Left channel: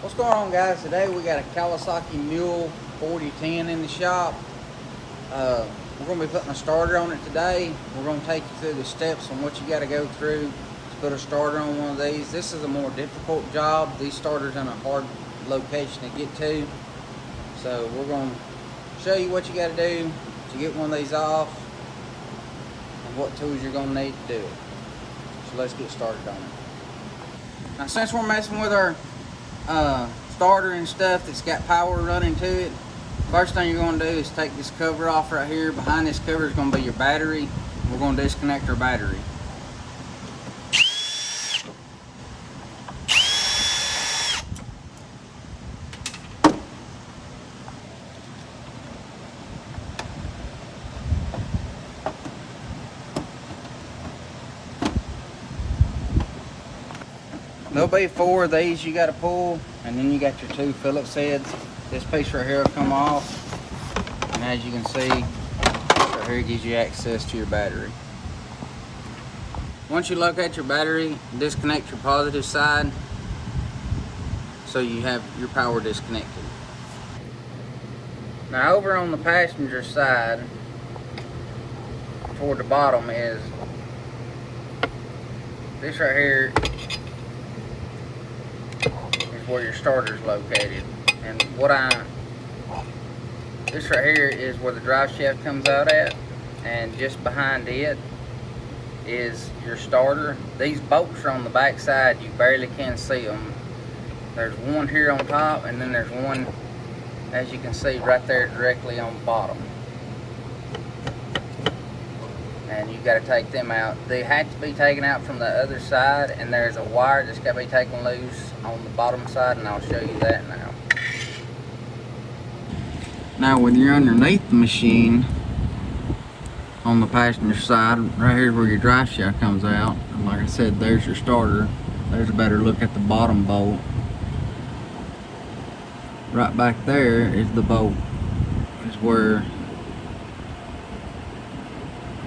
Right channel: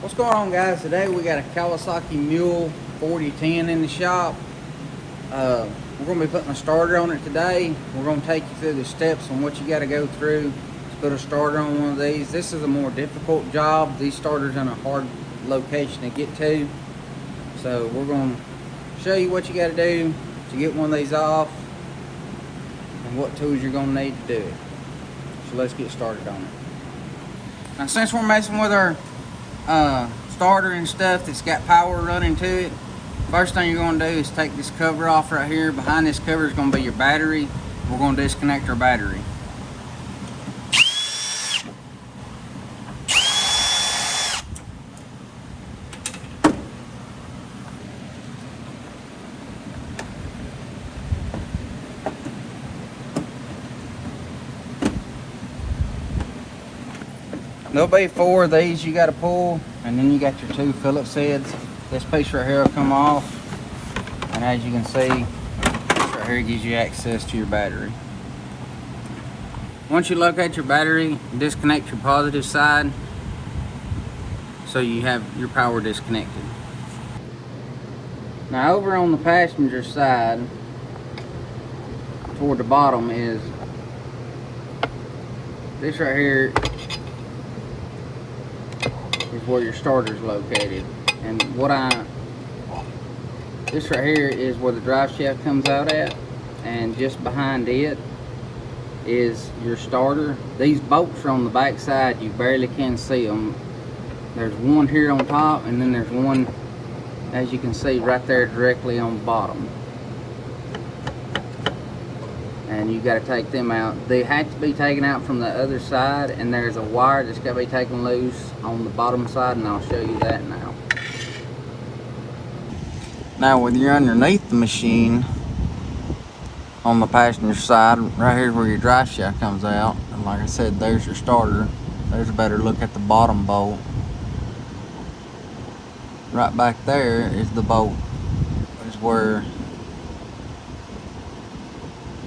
What's going on, guys? Today we got a Kawasaki Mule 4010 in the shop. We're going to be putting a starter on it today. We're going to take you through the steps on what you got to go through to put a starter on one of these. This is a more difficult job. These starters in a hard location to get to. So we're going to show you what you got to do to get one of these off and what tools you're going to need to do it. So let's get started on it. Now, since we're messing with our starter and stuff that's got power running to it, first thing you're going to do is take this cover off right here. Behind this cover is going to be your battery. We're going to disconnect our battery. There'll be 4 of these you got to pull, and then you got your 2 Phillips heads. This piece right here will come off, and as you can see, right here gives you access to your battery. Once you locate your battery, disconnect your positive side so you have your power disconnected. Now over on the passenger side, toward the bottom, is this right here is where your starter is located. And this right here is where the drive shaft comes out at, and just behind it is your starter. These bolts are on the back side, you barely can see them. There's one here on top, and then there's one, as you can see, right there directly on the bottom. And you got to take them out. They have to be taken out from the other side, and there's a wire that's got to be taken loose on the bottom side, and I'll show you that now. Now when you're underneath the machine, on the passenger side, right here is where your drive shaft comes out, and like I said, there's your starter. There's a better look at the bottom bolt. Right back there is the bolt, is where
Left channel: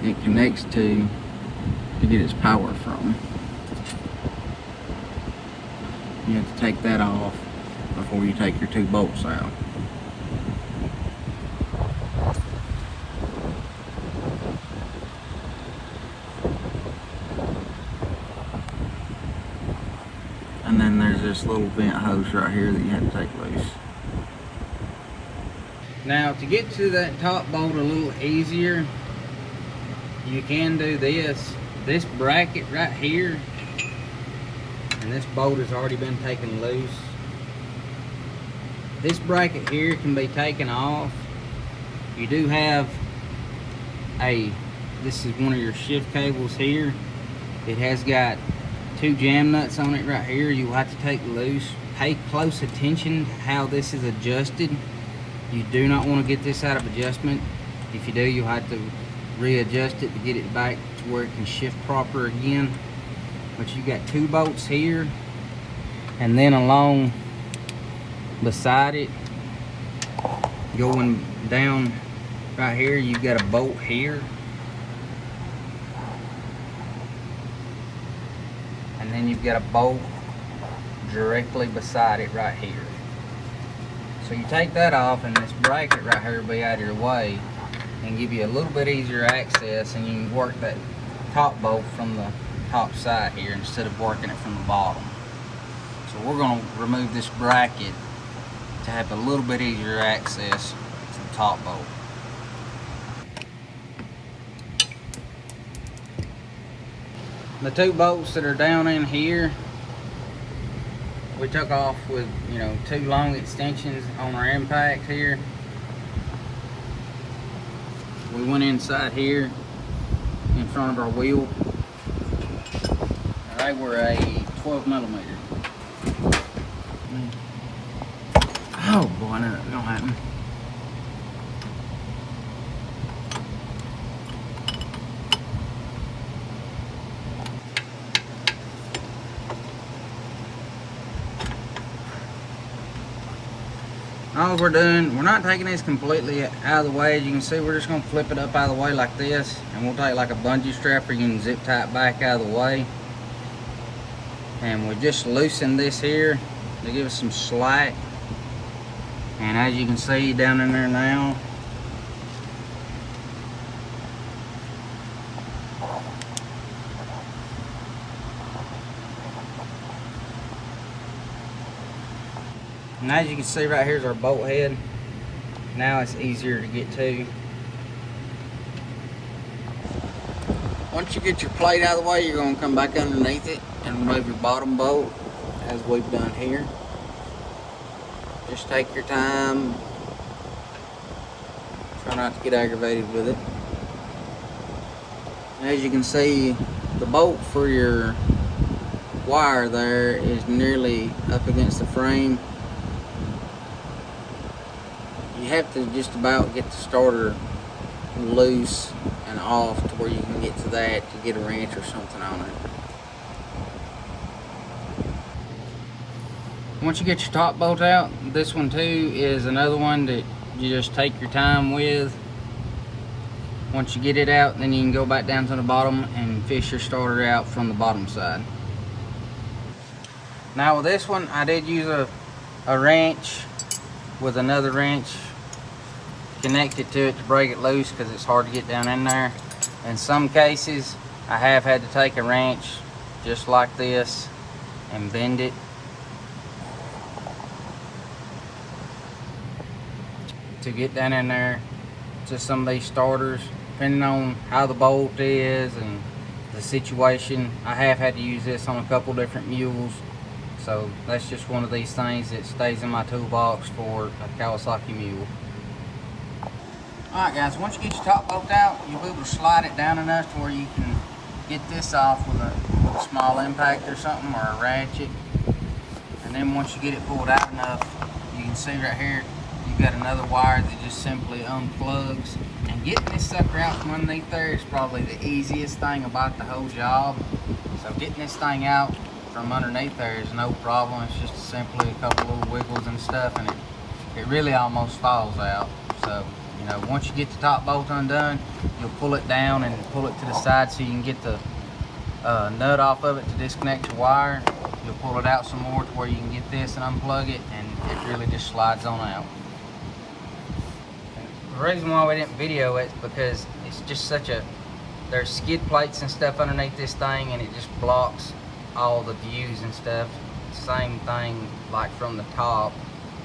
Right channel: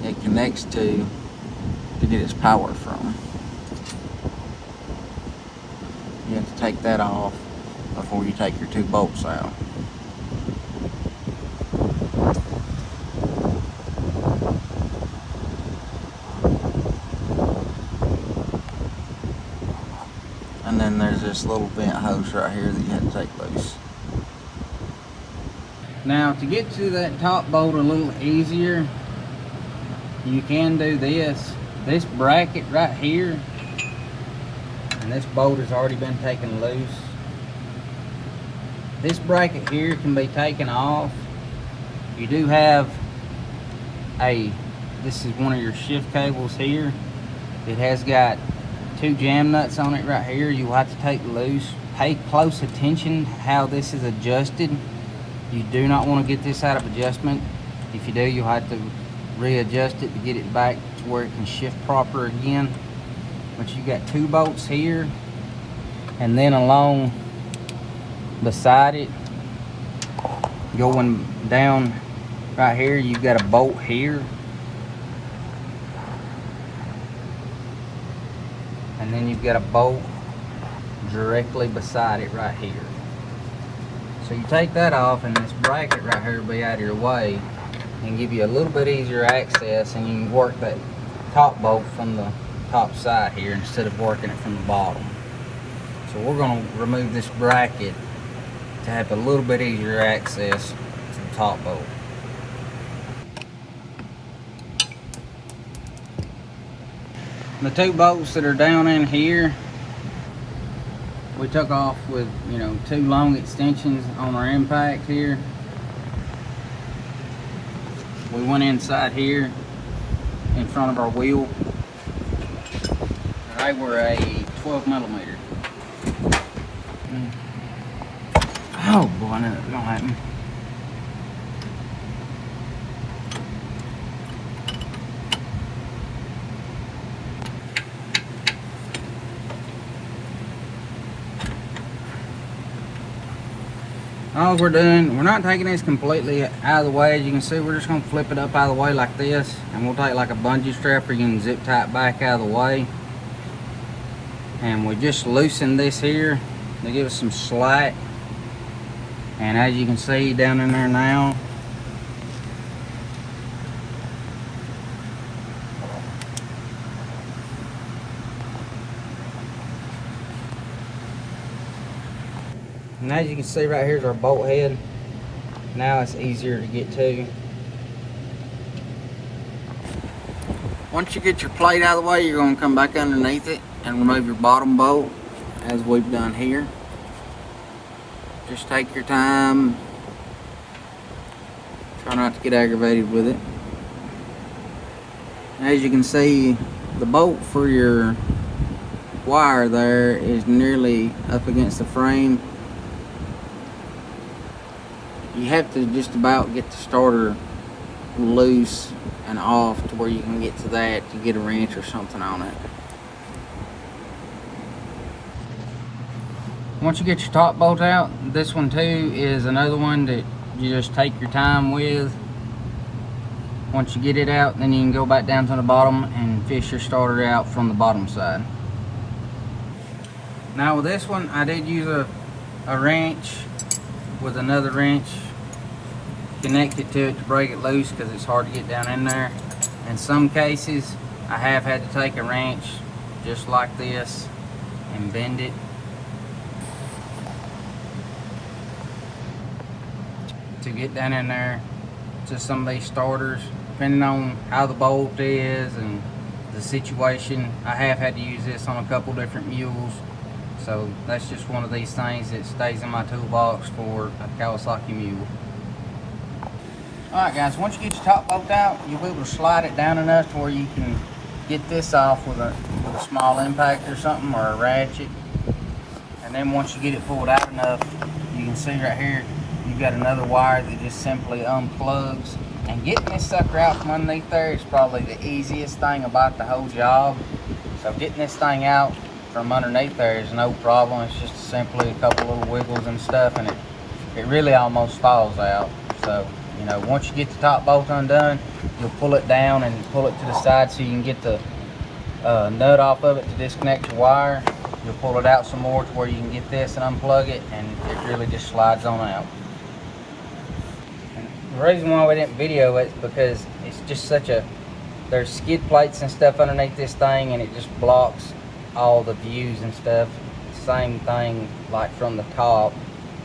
it connects to get its power from. You have to take that off before you take your 2 bolts out. And then there's this little vent hose right here that you have to take loose. Now to get to that top bolt a little easier, you can do this. This bracket right here, and this bolt has already been taken loose. This bracket here can be taken off. You do have this is one of your shift cables here. It has got 2 jam nuts on it right here. You will have to take loose. Pay close attention how this is adjusted. You do not want to get this out of adjustment. If you do, you'll have to readjust it to get it back to where it can shift proper again. But you got 2 bolts here, and then along beside it, going down right here, you've got a bolt here, and then you've got a bolt directly beside it right here. So you take that off, and this bracket right here will be out of your way and give you a little bit easier access, and you can work that top bolt from the top side here instead of working it from the bottom. So we're going to remove this bracket to have a little bit easier access to the top bolt. The 2 bolts that are down in here, we took off with 2 long extensions on our impact here. We went inside here in front of our wheel. They were a 12mm. Oh boy, I knew that was gonna happen. All we're doing, we're not taking this completely out of the way. As you can see, we're just gonna flip it up out of the way like this, and we'll take like a bungee strap or you can zip tie it back out of the way. And we just loosen this here they give us some slack. And as you can see down in there now, and as you can see right here is our bolt head. Now it's easier to get to. Once you get your plate out of the way, you're going to come back underneath it and remove your bottom bolt, as we've done here. Just take your time. Try not to get aggravated with it. As you can see, the bolt for your wire there is nearly up against the frame. You have to just about get the starter loose and off to where you can get to that to get a wrench or something on it. Once you get your top bolt out, this one too is another one that you just take your time with. Once you get it out, then you can go back down to the bottom and fish your starter out from the bottom side. Now with this one, I did use a wrench with another wrench connected to it to break it loose, because it's hard to get down in there. In some cases, I have had to take a wrench just like this and bend it to get down in there to some of these starters. Depending on how the bolt is and the situation, I have had to use this on a couple different mules. So that's just one of these things that stays in my toolbox for a Kawasaki Mule. Alright guys, once you get your top bolt out, you'll be able to slide it down enough to where you can get this off with a small impact or something, or a ratchet. And then once you get it pulled out enough, you can see right here, you've got another wire that just simply unplugs. And getting this sucker out from underneath there is probably the easiest thing about the whole job. So getting this thing out from underneath there is no problem. It's just simply a couple little wiggles and stuff, and it really almost falls out. So, you know, once you get the top bolt undone, you'll pull it down and pull it to the side so you can get the nut off of it to disconnect your wire. You'll pull it out some more to where you can get this and unplug it, and it really just slides on out. The reason why we didn't video it is because it's just there's skid plates and stuff underneath this thing, and it just blocks all the views and stuff. Same thing like from the top,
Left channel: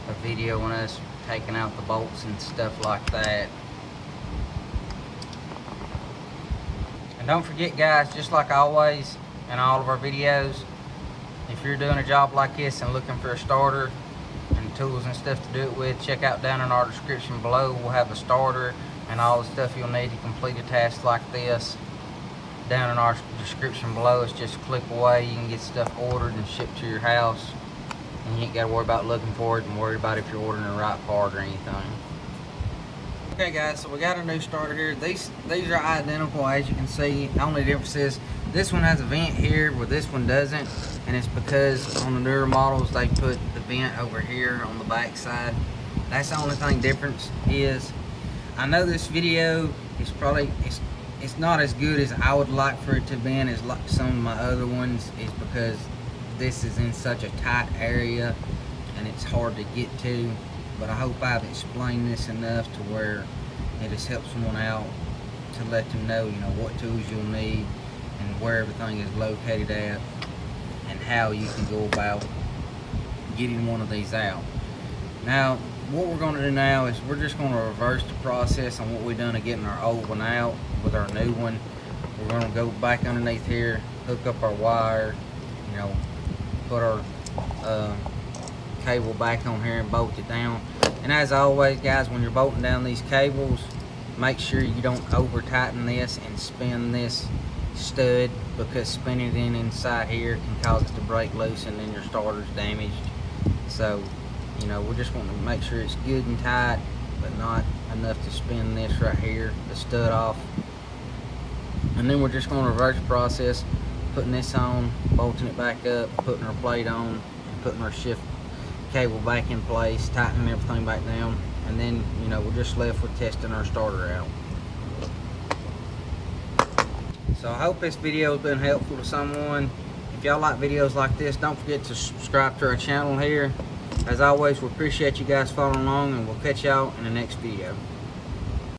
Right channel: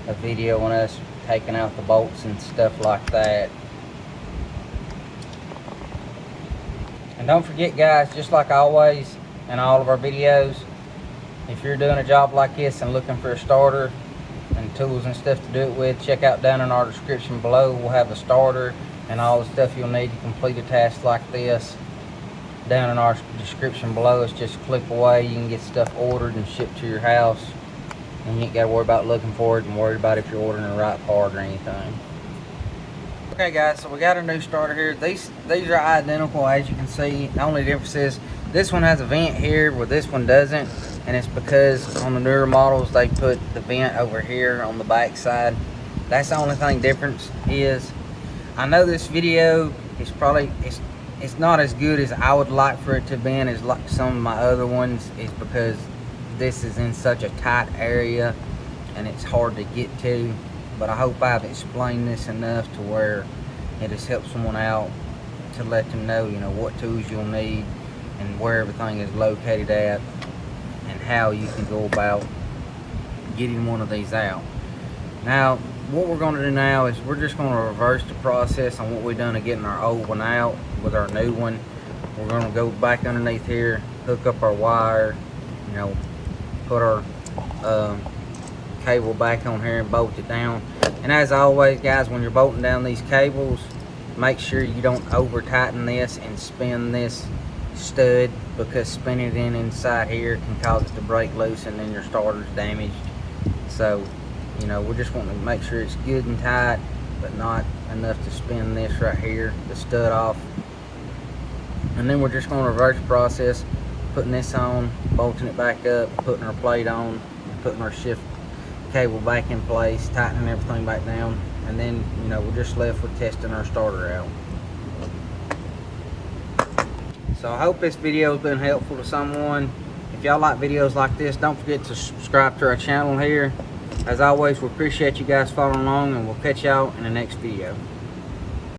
a video on us taking out the bolts and stuff like that. And don't forget guys, just like always in all of our videos, if you're doing a job like this and looking for a starter and tools and stuff to do it with, check out down in our description below. We'll have a starter and all the stuff you'll need to complete a task like this. Down in our description below, it's just a click away. You can get stuff ordered and shipped to your house, and you ain't got to worry about looking for it and worried about if you're ordering the right part or anything. Okay guys, so we got a new starter here. These are identical, as you can see. The only difference is this one has a vent here where this one doesn't, and it's because on the newer models they put the vent over here on the back side. That's the only thing difference is. I know this video is probably it's not as good as I would like for it to be, as like some of my other ones, is because this is in such a tight area and it's hard to get to. But I hope I've explained this enough to where it has helped someone out, to let them know, you know, what tools you'll need and where everything is located at, and how you can go about getting one of these out. Now, what we're going to do now is we're just going to reverse the process on what we've done of getting our old one out with our new one. We're going to go back underneath here, hook up our wire, you know, put our cable back on here and bolt it down. And as always guys, when you're bolting down these cables, make sure you don't over tighten this and spin this stud, because spinning it inside here can cause it to break loose and then your starter's damaged. So, you know, we're just wanting to make sure it's good and tight, but not enough to spin this right here, the stud off. And then we're just going to reverse the process, putting this on, bolting it back up, putting our plate on, and putting our shift cable back in place, tightening everything back down, and then, you know, we're just left with testing our starter out. So I hope this video has been helpful to someone. If y'all like videos like this, don't forget to subscribe to our channel here. As always, we appreciate you guys following along, and we'll catch y'all in the next video.